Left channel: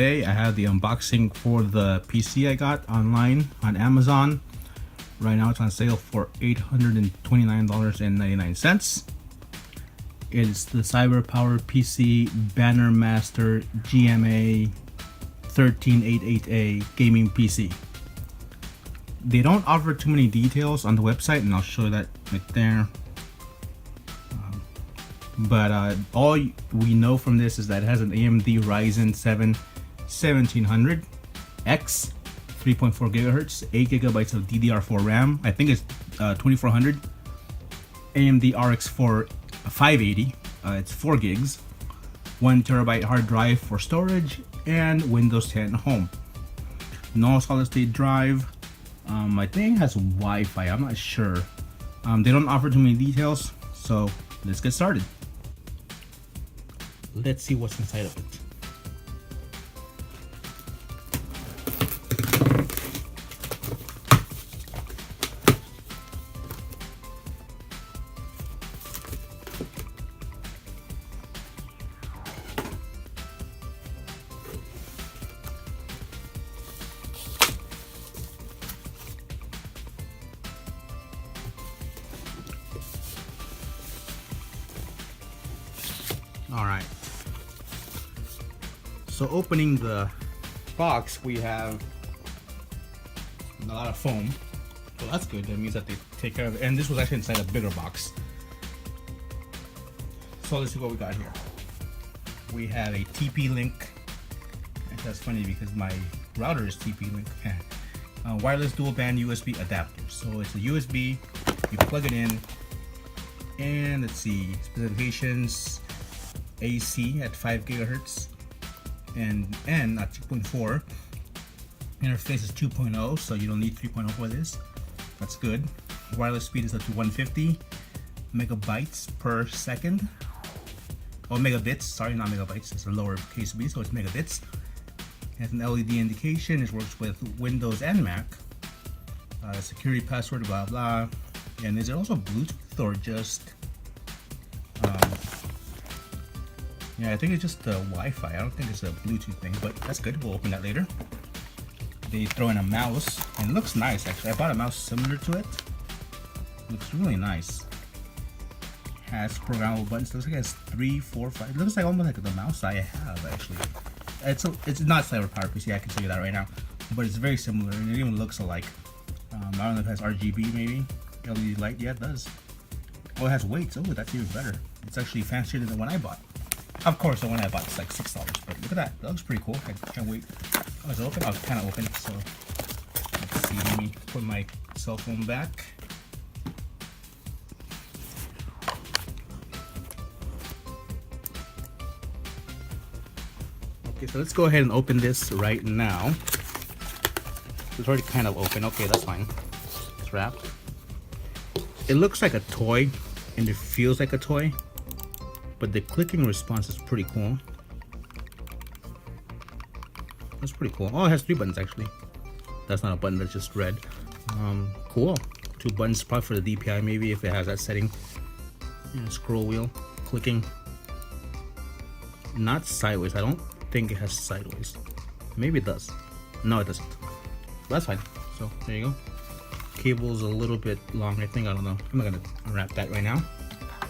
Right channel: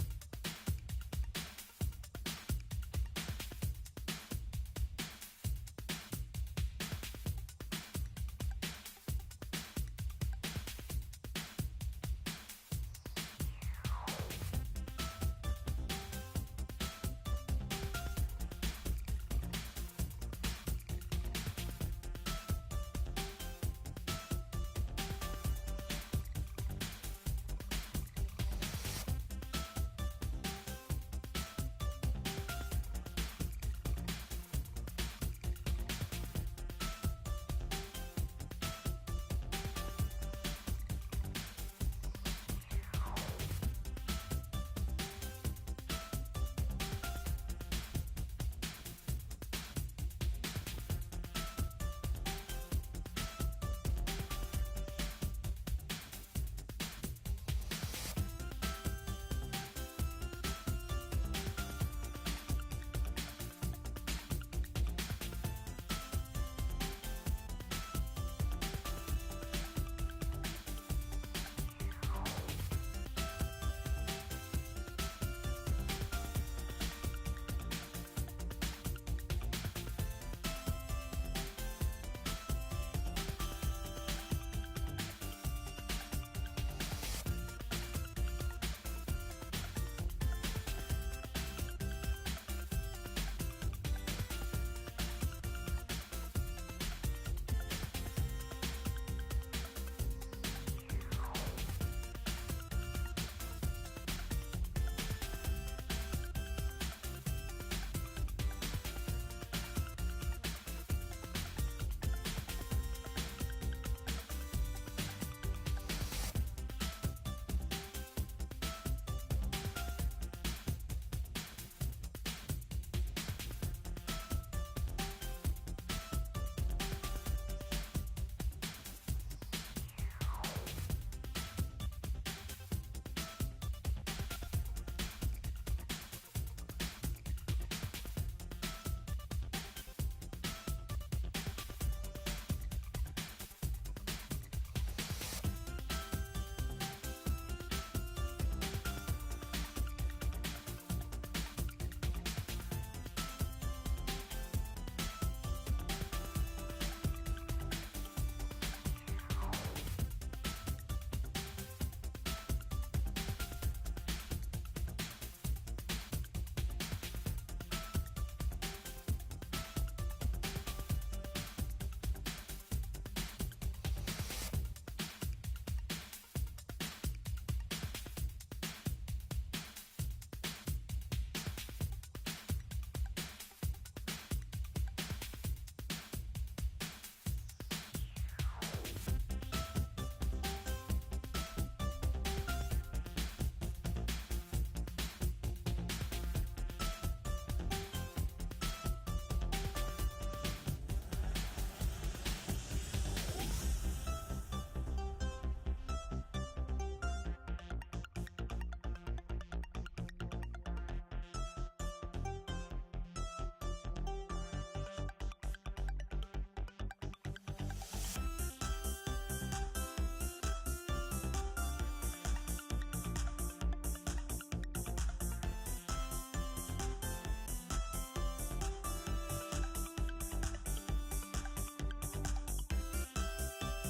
Today I have the unboxing for the PC I got online on Amazon. Right now it's on sale for $829.99. It's the CyberPowerPC Banner Master GMA 1388A gaming PC. They don't offer too many details on the website, and I'll show that right there. But all we know from this is that it has an AMD Ryzen 7 1700X, 3.4 gigahertz, 8 gigabytes of DDR4 RAM. I think it's 2400. AMD RX 580. It's 4 gigs, 1 terabyte hard drive for storage, and Windows 10 Home. No solid state drive. I think it has Wi-Fi. I'm not sure. They don't offer too many details, so let's get started. Let's see what's inside of it. All right. So opening the box, we have a lot of foam. Well, that's good. That means that they take care of it. And this was actually inside a bigger box. So let's see what we got here. We have a TP-Link. That's funny because my router is TP-Link. Wireless dual band USB adapter. So it's a USB. You plug it in. And let's see, specifications: AC at 5 gigahertz. And N at 2.4. Interface is 2.0, so you don't need 3.0 for this. That's good. Wireless speed is up to 150 megabytes per second. Oh, megabits. Sorry, not megabytes. It's a lower case speed, so it's megabits. It has an LED indication. It works with Windows and Mac. Security password, blah blah. And is it also Bluetooth or just? Yeah, I think it's just the Wi-Fi. I don't think it's a Bluetooth thing, but that's good. We'll open that later. They throw in a mouse, and it looks nice actually. I bought a mouse similar to it. Looks really nice. Has programmable buttons. Looks like it has 3, 4, 5. It looks like almost like the mouse I have actually. It's not CyberPowerPC. I can tell you that right now, but it's very similar, and it even looks alike. I don't know if it has RGB maybe. LED light. Yeah, it does. Oh, it has weights. Oh, that's even better. It's actually fancier than the one I bought. Of course, the one I bought is like $6, but look at that. That looks pretty cool. I can't wait. Oh, it's open? Oh, it's kind of open, so let's see. Let me put my cell phone back. Okay, so let's go ahead and open this right now. It's already kind of open. Okay, that's fine. It's wrapped. It looks like a toy, and it feels like a toy. But the clicking response is pretty cool. That's pretty cool. Oh, it has 3 buttons actually. That's not a button, that's just red. Cool. 2 buttons, probably for the DPI maybe if it has that setting. Yeah, scroll wheel, clicking. Not sideways. I don't think it has sideways. Maybe it does. No, it doesn't. That's fine. So there you go. Cable's a little bit long, I think. I don't know. I'm not gonna unwrap that right now.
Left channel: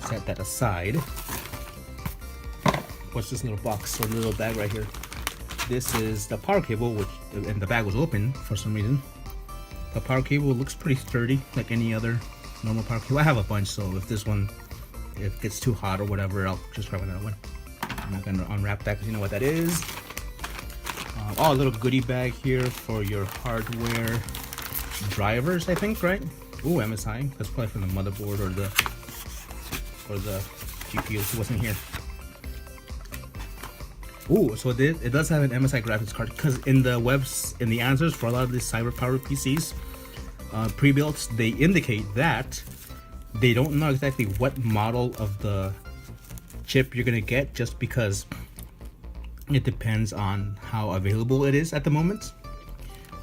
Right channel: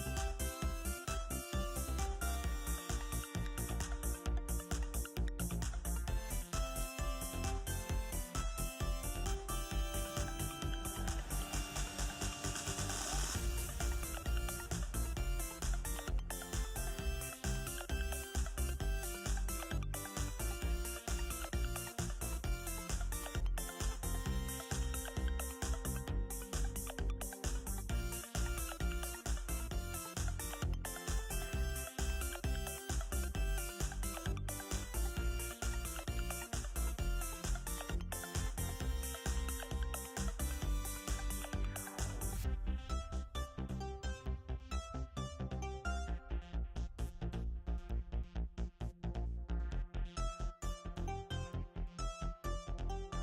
Set that aside. What's this little box or little bag right here? This is the power cable, which, and the bag was open for some reason. The power cable looks pretty sturdy, like any other normal power cable. I have a bunch, so if this one, if it gets too hot or whatever, I'll just grab another one. I'm not gonna unwrap that because you know what that is. Oh, a little goodie bag here for your hardware drivers, I think, right? Ooh, MSI. That's probably from the motherboard or the GPU. It wasn't here. Ooh, so it does have an MSI graphics card, because in the answers for a lot of these CyberPowerPCs pre-builts, they indicate that they don't know exactly what model of the chip you're gonna get, just because it depends on how available it is at the moment.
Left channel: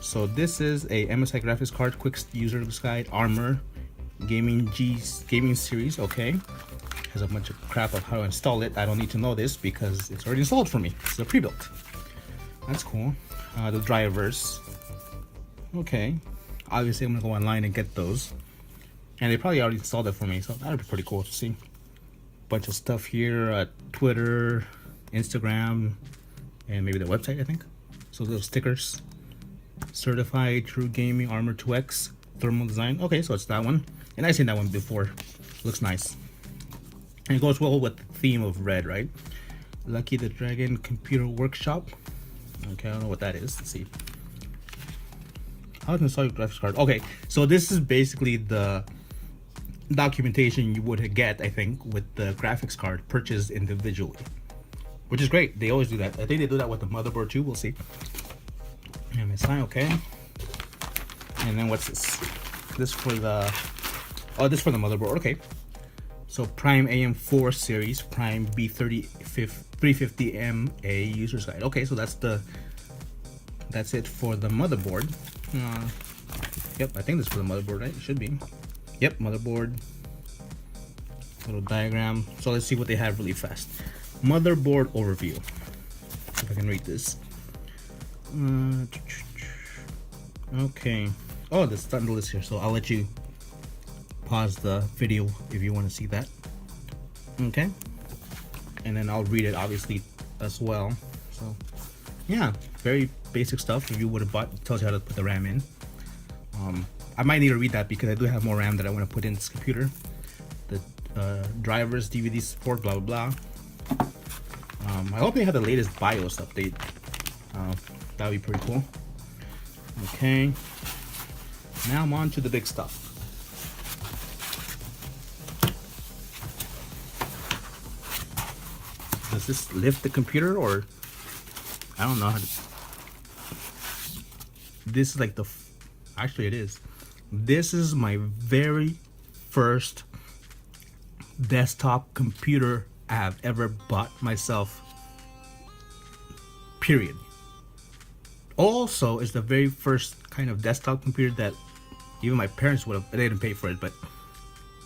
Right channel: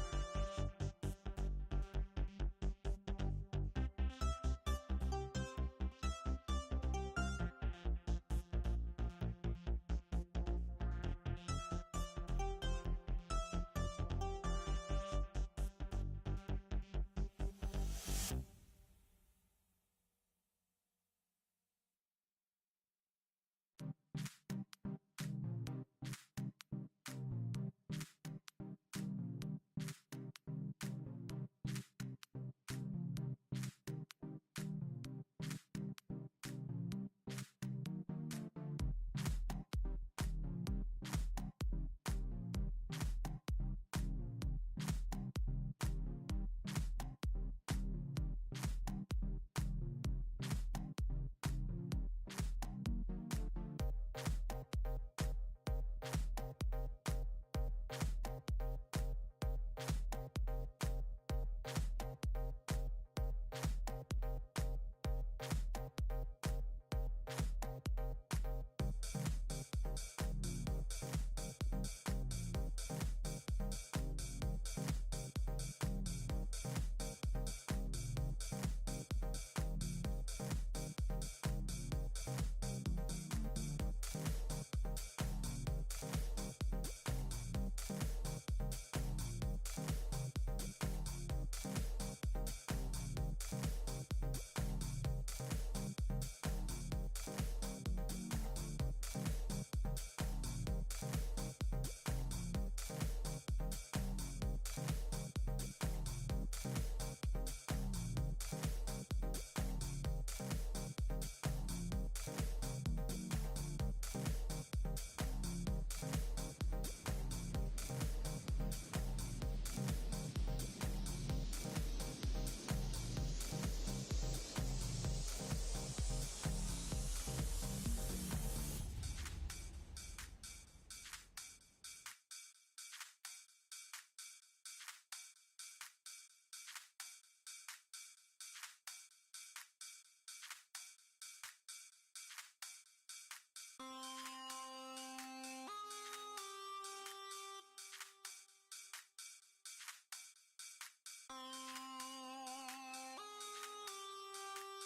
So this is a MSI graphics card, quick user's guide, ARMOR gaming series. Okay, has a bunch of crap of how to install it. I don't need to know this because it's already installed for me. It's a pre-built. That's cool. The drivers. Okay. Obviously, I'm gonna go online and get those. And they probably already installed it for me, so that'd be pretty cool to see. Bunch of stuff here, Twitter, Instagram, and maybe the website, I think. So those stickers. Certified True Gaming Armor 2X thermal design. Okay, so it's that one. And I've seen that one before. Looks nice. And it goes well with the theme of red, right? Lucky the Dragon Computer Workshop. Okay, I don't know what that is. Let's see. How to install your graphics card? Okay, so this is basically the documentation you would get, I think, with the graphics card purchased individually, which is great. They always do that. I think they do that with the motherboard too. We'll see. MSI, okay. And then what's this? This for the this for the motherboard. Okay. So Prime AM4 series, Prime B350MA user side. Okay, so that's it for the motherboard. Yep, I think this is for the motherboard, right? It should be. Yep, motherboard. Little diagram. So let's see what they have really fast. Motherboard overview. If I can read this. Okay. Oh, there's starting to list here, so I'll let you pause the video if you want to see that. Okay. And then I'll read it obviously as well. So yeah, very basic stuff. If you would have bought, it tells you how to put the RAM in. I might need to read that because I do have more RAM that I want to put in this computer. The drivers, DVD support, blah blah blah. I hope they have the latest BIOS update. That would be pretty cool. Okay. Now I'm on to the big stuff. Does this lift the computer, or I don't know how to. This is like the. Actually, it is. This is my very first desktop computer I've ever bought myself. Period. Also, it's the very first kind of desktop computer that even my parents would have. They didn't pay for it, but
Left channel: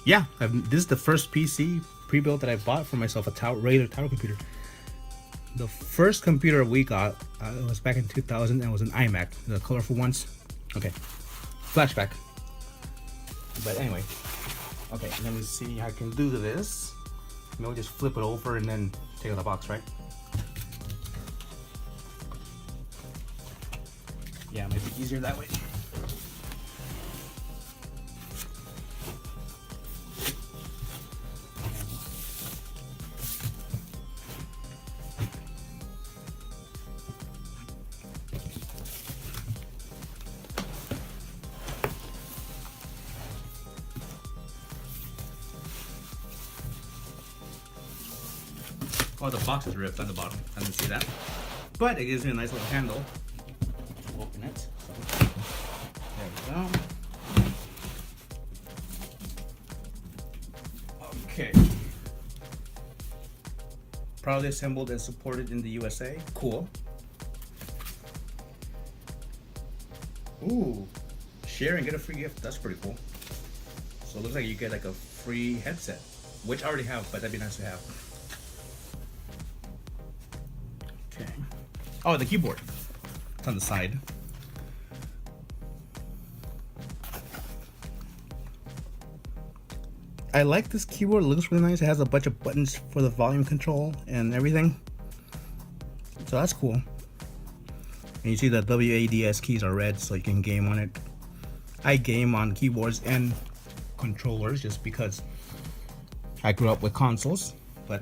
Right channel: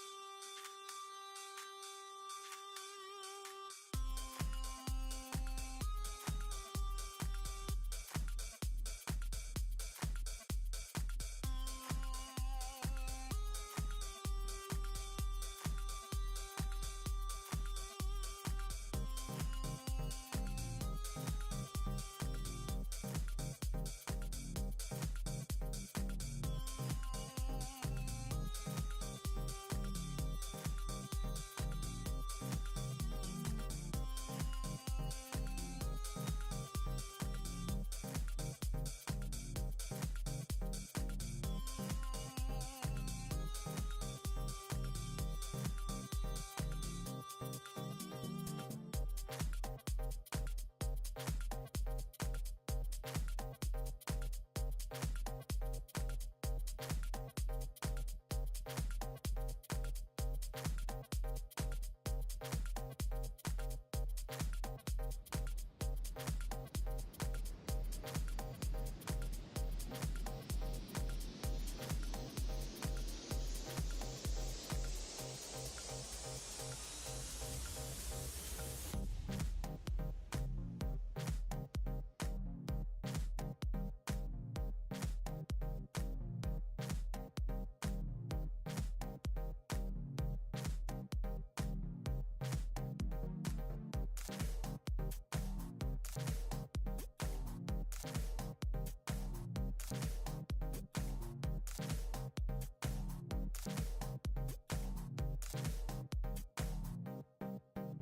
yeah, this is the first PC pre-built that I bought for myself, a regular tower computer. The first computer we got was back in 2000, and it was an iMac, the colorful ones. Okay, flashback. But anyway, okay, let me see how I can do this. Maybe just flip it over and then take out the box, right? Yeah, maybe easier that way. Oh, the box is ripped on the bottom. I didn't see that. But it gives me a nice little handle. Open it. There we go. Okay. Proudly assembled and supported in the USA. Cool. Ooh. Share and get a free gift. That's pretty cool. So it looks like you get like a free headset, which I already have, but that'd be nice to have. Oh, the keyboard. It's on the side. I like this keyboard. It looks really nice. It has a bunch of buttons for the volume control and everything. So that's cool. And you see the WASD keys are red, so you can game on it. I game on keyboards and controllers just because I grew up with consoles, but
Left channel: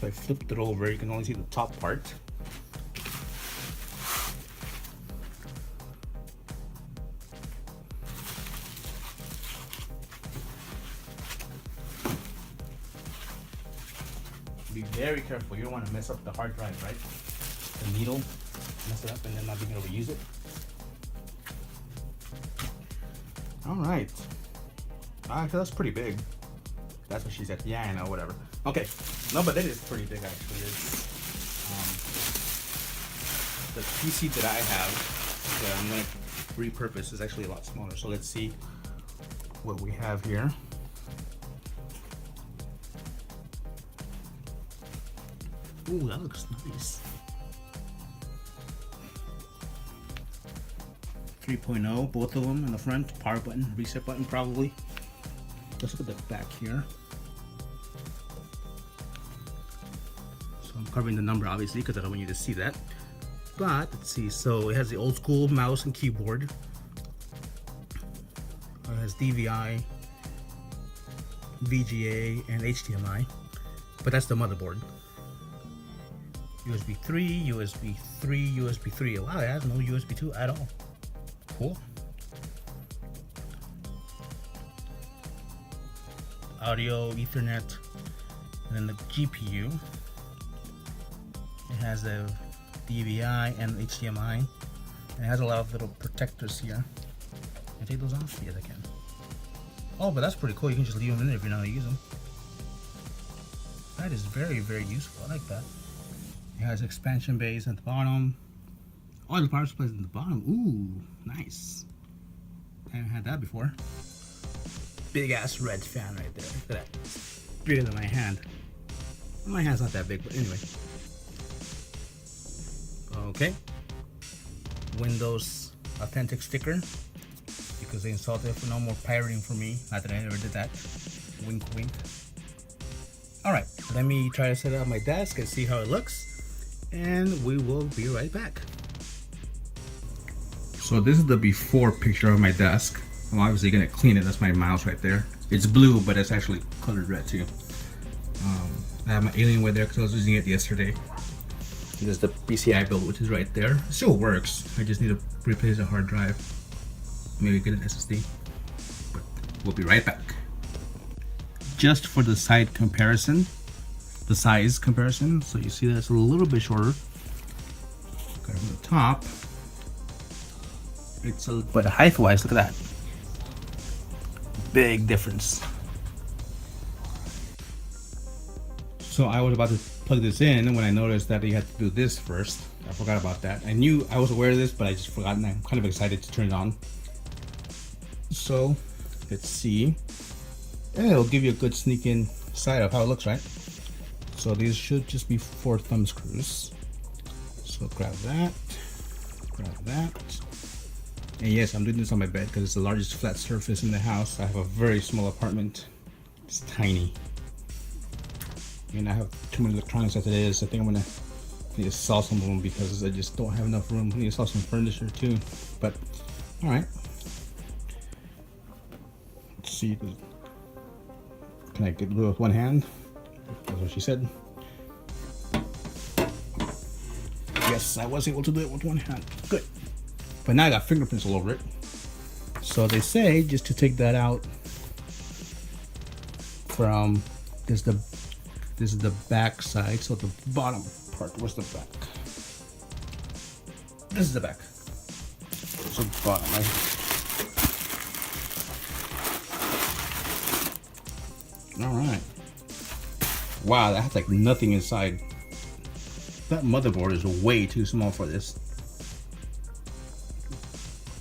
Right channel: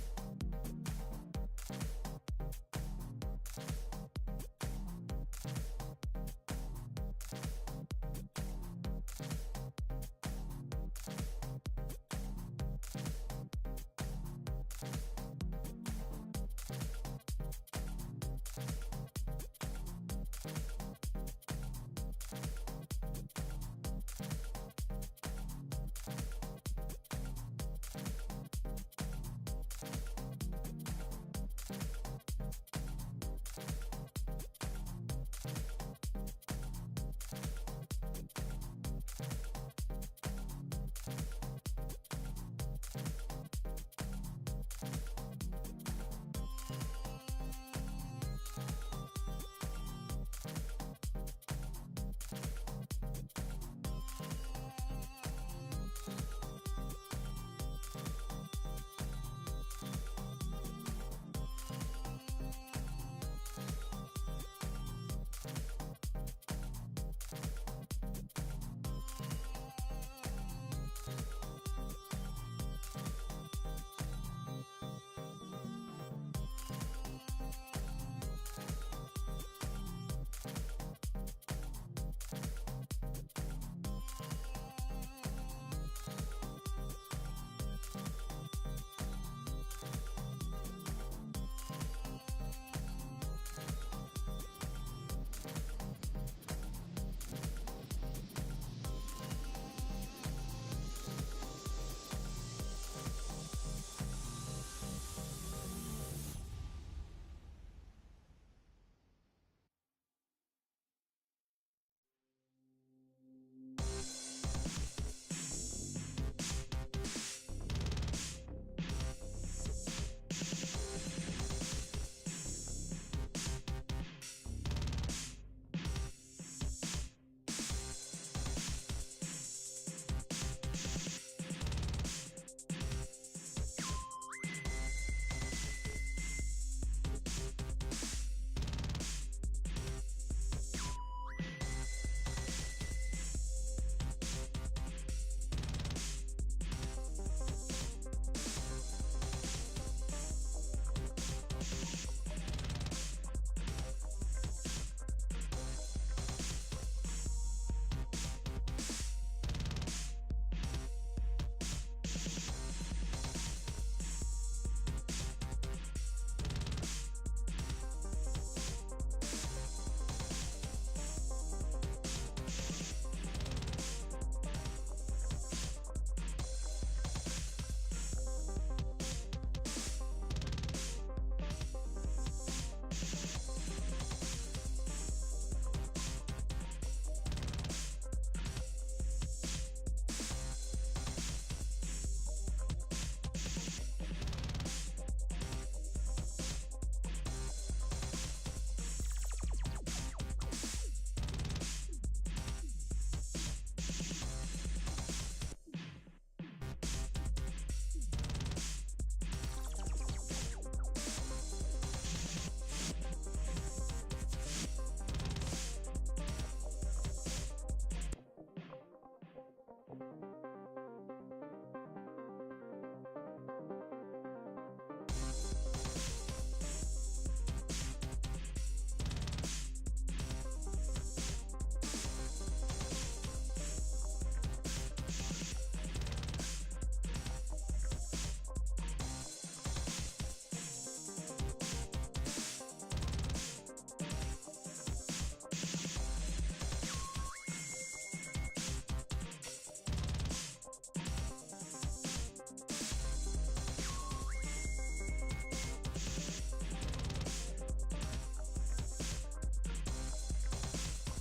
so I flipped it over, you can only see the top part. Be very careful, you don't want to mess up the hard drive, right? The needle, mess it up and then not being able to use it. Alright. That's pretty big. That's what she said. Yeah, I know, whatever. Okay. No, but it is pretty big actually. It's, the PC that I have that I'm going to repurpose is actually a lot smaller. So let's see what we have here. Ooh, that looks nice. 3.0, both of them in the front. Power button, reset button probably. Let's look at the back here. So I'm covering the number obviously because I don't want you to see that. But let's see, so it has the old school mouse and keyboard. It has DVI, VGA, and HDMI. But that's the motherboard. USB 3, USB 3, USB 3. Wow, it has no USB 2 at all. Cool. Audio, Ethernet, and then the GPU. It has a DVI and HDMI. It has a lot of little protectors here. Can I take those off? Yes, I can. Oh, but that's pretty cool. You can just leave them in there if you're not using them. That is very, very useful. I like that. It has expansion bays at the bottom. Oh, the power supply is at the bottom. Ooh, nice. I haven't had that before. Big ass red fan right there. Look at that. Bigger than my hand. My hand's not that big, but anyway. Okay. Windows Authentic sticker. Because they installed it for no more pirating for me. Not that I ever did that. Wink, wink. Alright, let me try to set up my desk and see how it looks. And we will be right back. So this is the before picture of my desk. I'm obviously gonna clean it. That's my mouse right there. It's blue, but it's actually colored red too. I have my Alienware there because I was using it yesterday. This is the PCI build, which is right there. It still works. I just need to replace the hard drive. Maybe get an SSD. But we'll be right back. Just for the side comparison, the size comparison. So you see that it's a little bit shorter. Okay, from the top. It's a, but height-wise, look at that. Big difference. So I was about to plug this in when I noticed that you had to do this first. I forgot about that. I knew I was aware of this, but I just forgot, and I'm kind of excited to turn it on. So let's see. And it'll give you a good sneak in sight of how it looks, right? So these should just be 4 thumb screws. So grab that, grab that. And yes, I'm doing this on my bed because it's the largest flat surface in the house. I have a very small apartment. It's tiny. And I have too many electronics as it is. I think I'm gonna need to sell some of them because I just don't have enough room. I need to sell some furniture too. But all right. Let's see. Can I get it with one hand? That's what she said. Yes, I was able to do it with one hand. Good. But now I got fingerprints all over it. So they say just to take that out from this is the back side. So the bottom part, where's the back? This is the back. So the bottom, right? Alright. Wow, that has like nothing inside. That motherboard is way too small for this.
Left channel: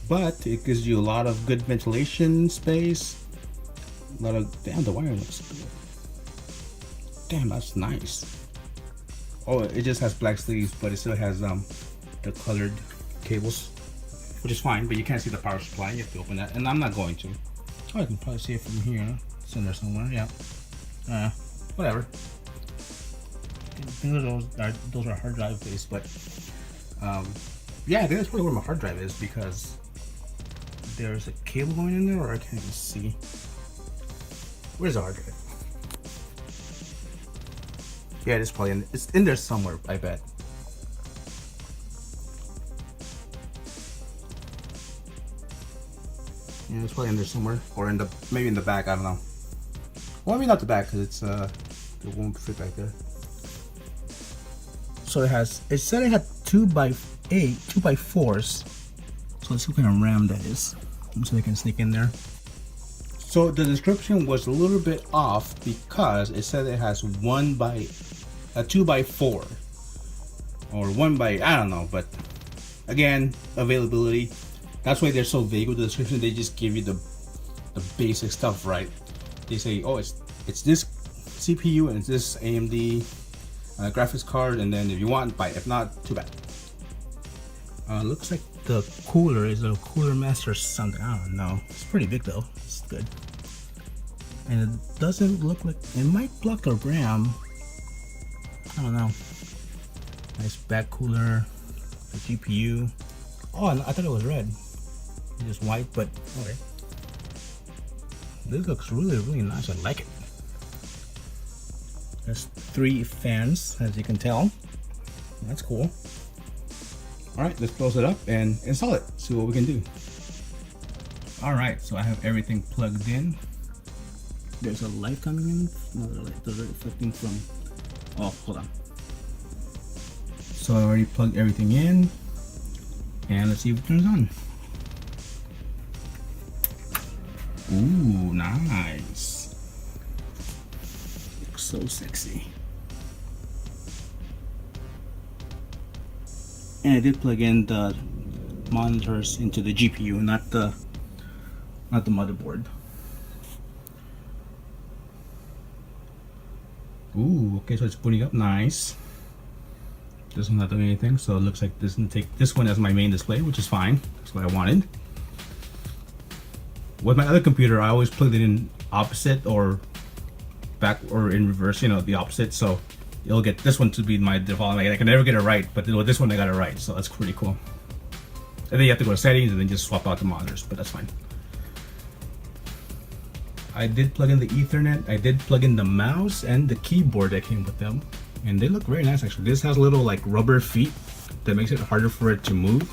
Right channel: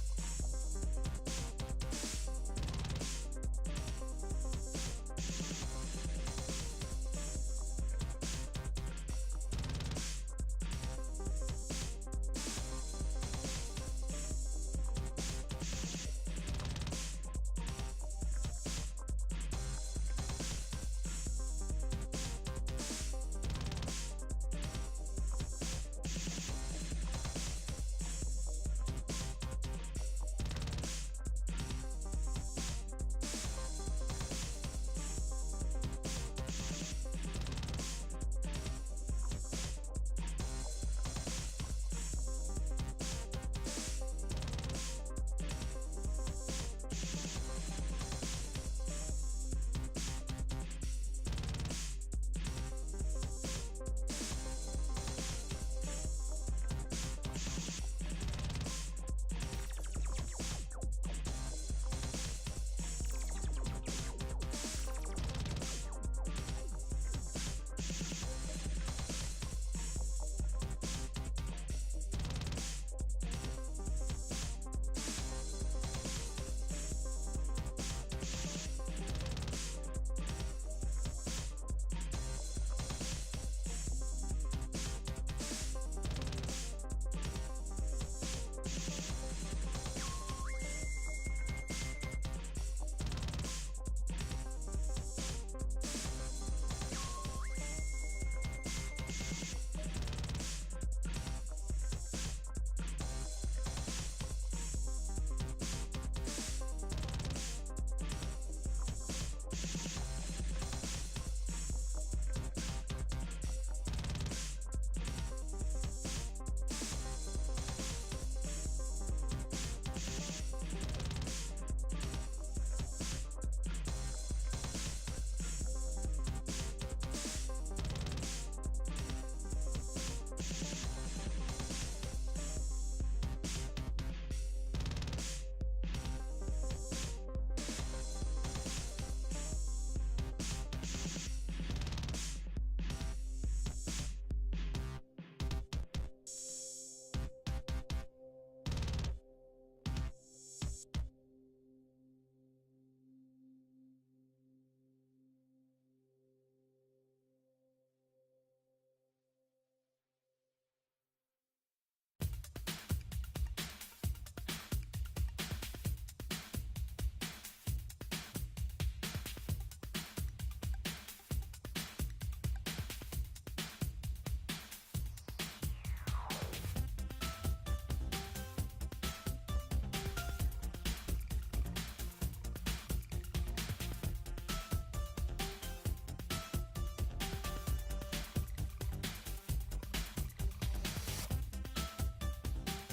But it gives you a lot of good ventilation space. A lot of, damn, the wireless. Damn, that's nice. Oh, it just has black sleeves, but it still has the colored cables, which is fine, but you can't see the power supply. You have to open that, and I'm not going to. Oh, I can probably see it from here. It's in there somewhere, yeah. Whatever. Those are hard drive based, but yeah, I think that's probably where my hard drive is because there's a cable going in there, or I can't even see. Where's the hard drive? Yeah, it's probably it's in there somewhere, I bet. Yeah, it's probably in there somewhere, or in the maybe in the back. I don't know. Well, maybe not the back because it's it won't fit back there. So it said it had 2x8, 2x4s. So let's see what kind of RAM that is. So they can sneak in there. So the description was a little bit off because it said it has 2x4 or 1x, I don't know, but Again, availability. That's why they're so vague with the description. They just give you the basic stuff, right? They say, oh, it's this CPU and it's this AMD graphics card, and then if you want, buy it. If not, too bad. Looks like the cooler is a Cooler Master something. I don't know. It's pretty big though. It's good. And it doesn't look like it might block the RAM. I don't know. Nice back cooler. The GPU. Oh, I thought it was red. It's white, but okay. This looks really nice. I like it. There's 3 fans, as you can tell. That's cool. Alright, let's close it up and install it. See what we can do. Alright, so I have everything plugged in. There's a light coming in. Does it reflecting from? Oh, hold on. So I already plugged everything in. And let's see if it turns on. Ooh, nice. Looks so sexy. And I did plug in the monitors into the GPU, not the motherboard. Ooh, okay, so it's booting up nice. This one's not doing anything, so it looks like this is gonna take this one as my main display, which is fine. That's what I wanted. With my other computer, I always plugged it in opposite or back or in reverse, you know, the opposite. So you'll get this one to be my default. Like, I can never get it right, but with this one I got it right, so that's pretty cool. And then you have to go to settings and then just swap out the monitors, but that's fine. I did plug in the Ethernet. I did plug in the mouse and the keyboard that came with them, and they look very nice actually. This has little like rubber feet that makes it harder for it to move,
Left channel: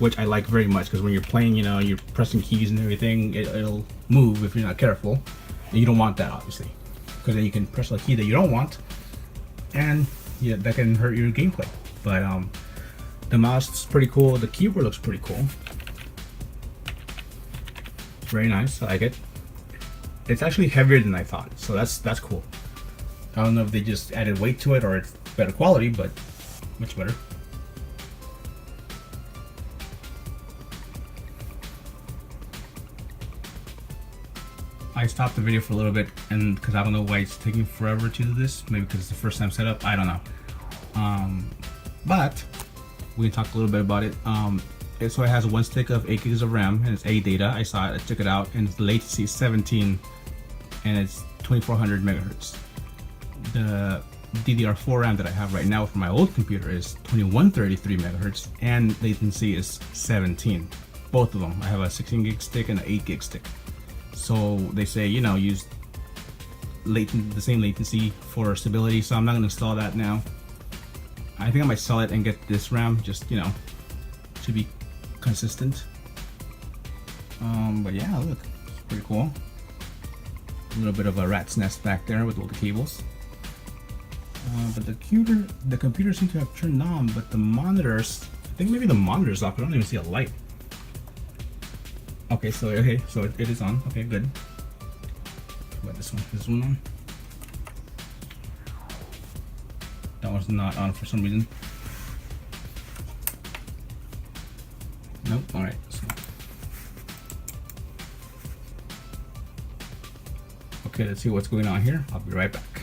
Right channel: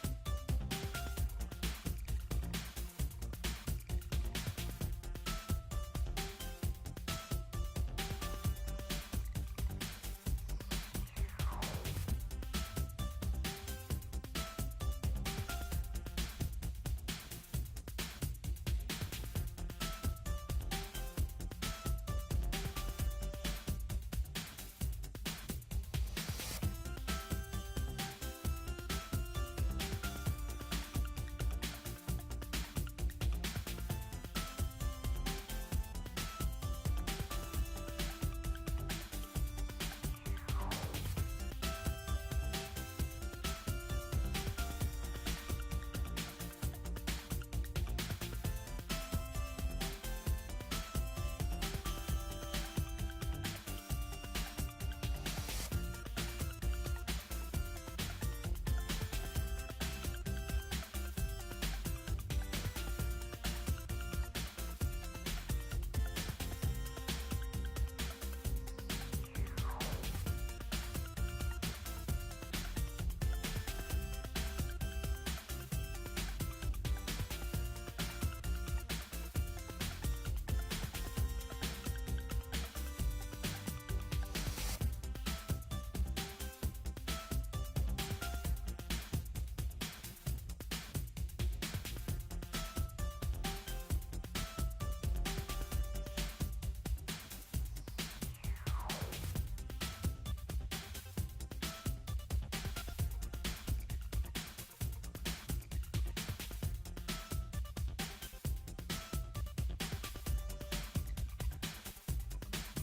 which I like very much, because when you're playing, you know, you're pressing keys and everything, it'll move if you're not careful. And you don't want that, obviously, because then you can press a key that you don't want, and yeah, that can hurt your gameplay. But the mouse is pretty cool. The keyboard looks pretty cool. Very nice. I like it. It's actually heavier than I thought, so that's cool. I don't know if they just added weight to it or it's better quality, but much better. I stopped the video for a little bit, and because I don't know why it's taking forever to do this. Maybe because it's the first time set up. I don't know. But we can talk a little bit about it. So it has 1 stick of 8 gigs of RAM, and it's ADATA. I saw it. I took it out, and the latency is 17, and it's 2400 megahertz. The DDR4 RAM that I have right now for my old computer is 2133 megahertz, and latency is 17. Both of them. I have a 16 gig stick and an 8 gig stick. So they say, you know, use the same latency for stability. So I'm not going to install that now. I think I might sell it and get this RAM, just, you know, to be consistent. But yeah, look, pretty cool. A little bit of a rat's nest back there with all the cables. But the computer seems to have turned on, but the monitors, I think maybe the monitor's off. I don't even see a light. Okay, so it is on. Okay, good. What, this one on? That one's not on for some reason. Nope. All right. Okay, let's see what's going on here. I'll be right back.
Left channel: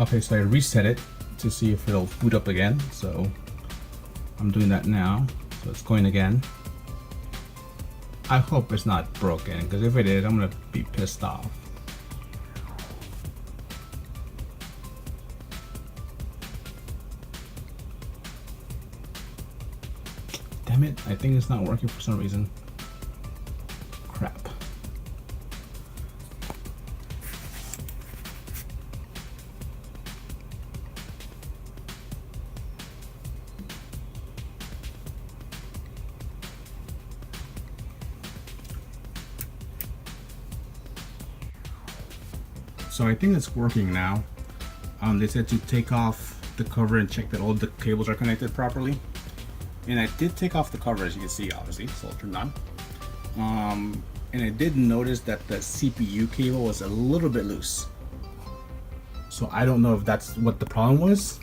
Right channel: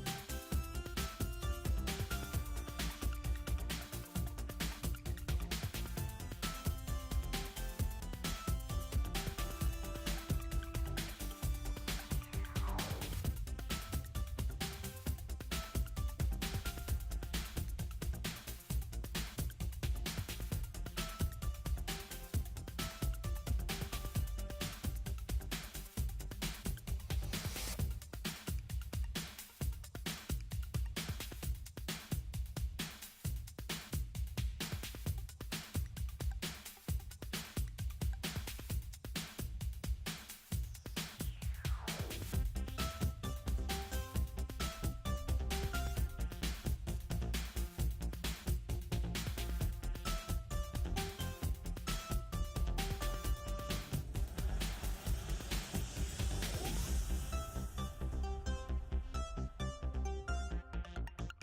Okay, so I reset it to see if it'll boot up again. So I'm doing that now. So it's going again. I hope it's not broken, because if it is, I'm gonna be pissed off. Damn it, I think it's not working for some reason. Crap. So I think it's working now. They said to take off the cover and check that all the cables are connected properly. And I did take off the cover, as you can see, obviously, so it's turned on. And I did notice that the CPU cable was a little bit loose. So I don't know if that's what the problem was.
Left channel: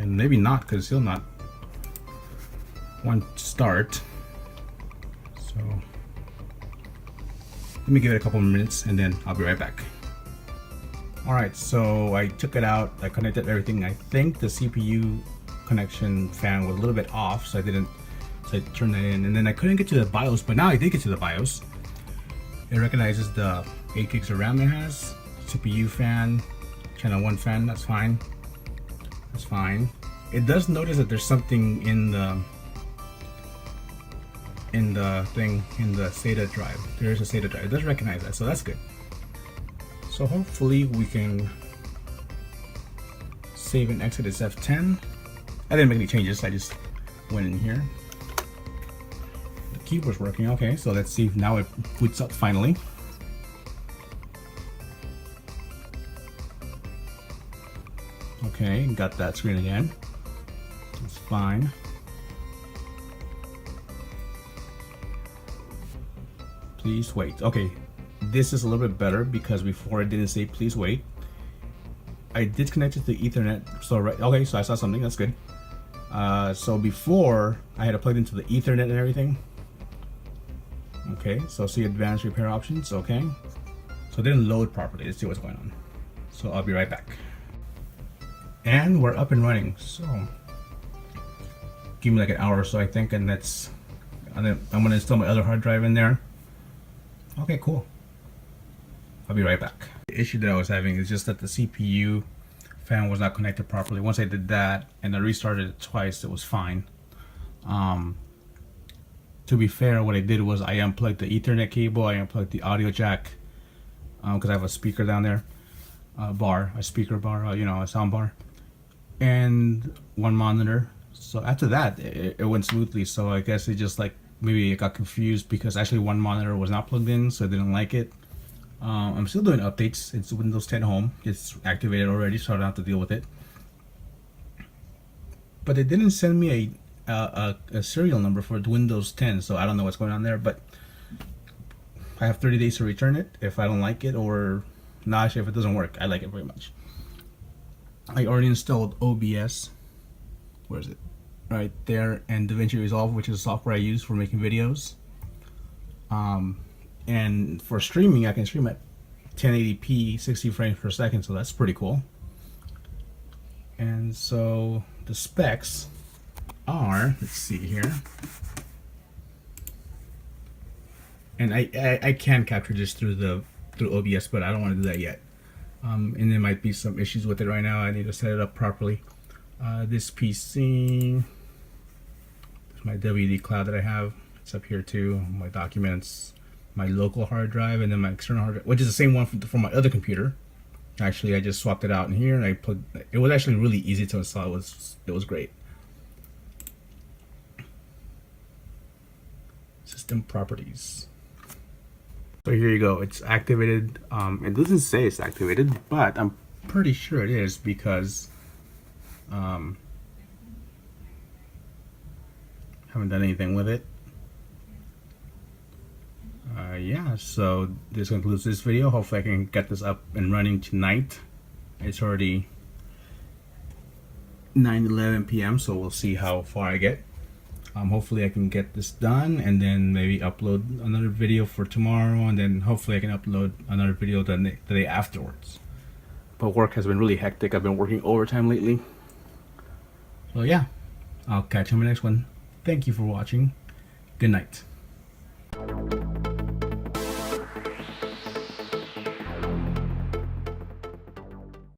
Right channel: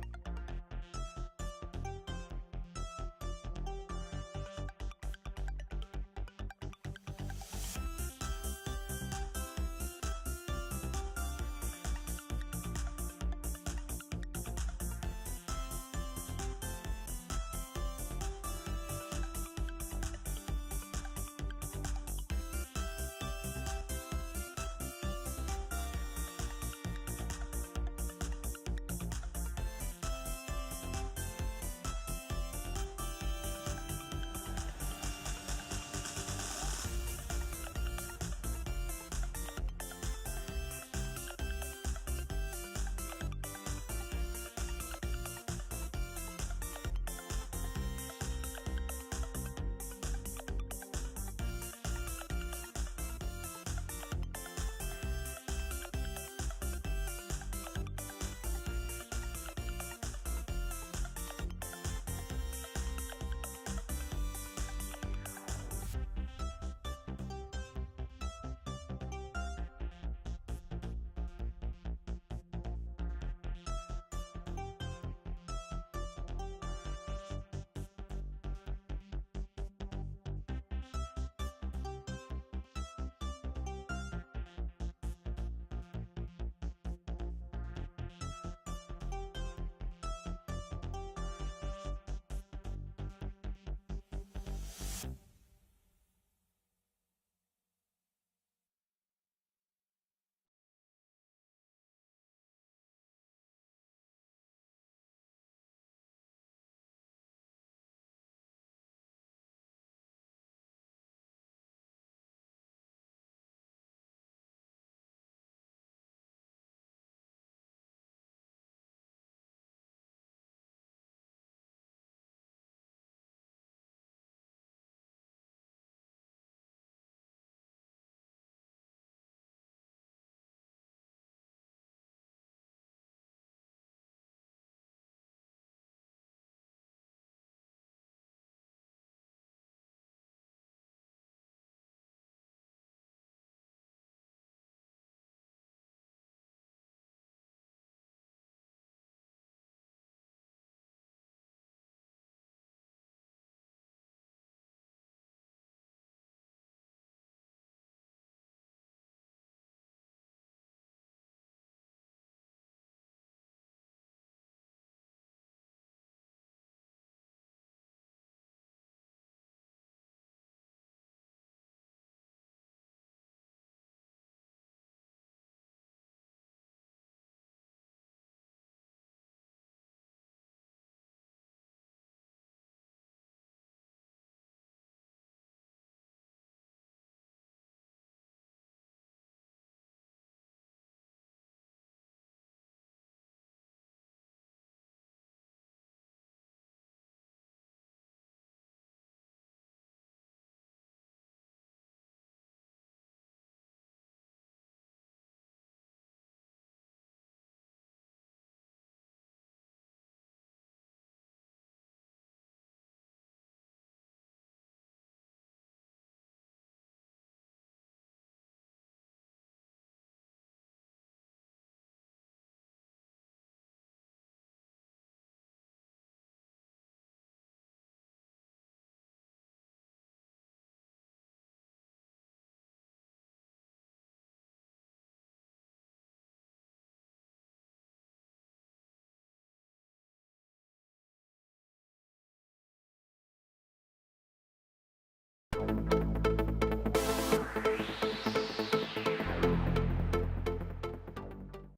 and maybe not, because still not one start. So let me give it a couple of minutes and then I'll be right back. Alright, so I took it out, I connected everything. I think the CPU connection fan was a little bit off, so I turned that in, and then I couldn't get to the BIOS, but now I did get to the BIOS. It recognizes the 8 gigs of RAM it has, CPU fan, channel 1 fan, that's fine. That's fine. It does notice that there's something in the SATA drive. There is a SATA drive. It does recognize that, so that's good. So hopefully we can save and exit as F10. I didn't make any changes, I just went in here. The keyboard's working, okay, so let's see, now it boots up finally. Okay, got that screen again. That's fine. Please wait. Okay, this is a little bit better because before it didn't say please wait. I disconnected the Ethernet, so okay, so I saw something, that's good. So before I had to plug into the Ethernet and everything. Okay, so see advanced repair options, okay. So it didn't load properly. Let's see what's going on. So I'll be right back. And we're up and running. So give me like an hour or so, I think, and I'm gonna install my other hard drive in there. Okay, cool. I'll be right back. The issue that I was having is just that the CPU fan was not connected properly. Once I did that and I restarted it twice, it was fine. To be fair, what I did was I unplugged the Ethernet cable, I unplugged the audio jack, because I have a speaker down there, a speaker bar, you know, a sound bar, and one monitor. So after that, it went smoothly. So I guess it just like, maybe it got confused because actually one monitor was not plugged in, so I didn't like it. I'm still doing updates. It's Windows 10 Home. It's activated already, so I don't have to deal with it. But they didn't send me a serial number for Windows 10, so I don't know what's going on there. But I have 30 days to return it if I don't like it, or not. Actually, if it doesn't work, I like it very much. I already installed OBS. Where is it? Right there, and DaVinci Resolve, which is the software I use for making videos. And for streaming, I can stream at 1080p 60 frames per second, so that's pretty cool. And so the specs are, let's see here, and I can capture this through OBS, but I don't want to do that yet. And there might be some issues with it right now. I need to set it up properly. This PC, my WD cloud that I have, it's up here too. My documents, my local hard drive, and then my external hard drive, which is the same one from my other computer. Actually, I just swapped it out in here, and I plugged. It was actually really easy to install. It was great. System properties. So here you go. It's activated. It doesn't say it's activated, but I'm pretty sure it is because haven't done anything with it. Yeah, so this concludes this video. Hopefully I can get this up and running tonight. It's already 9:11 p.m. so we'll see how far I get. Hopefully I can get this done and then maybe upload another video for tomorrow, and then hopefully I can upload another video the day afterwards. But work has been really hectic. I've been working overtime lately. So yeah, I'll catch you in the next one. Thank you for watching. Good night.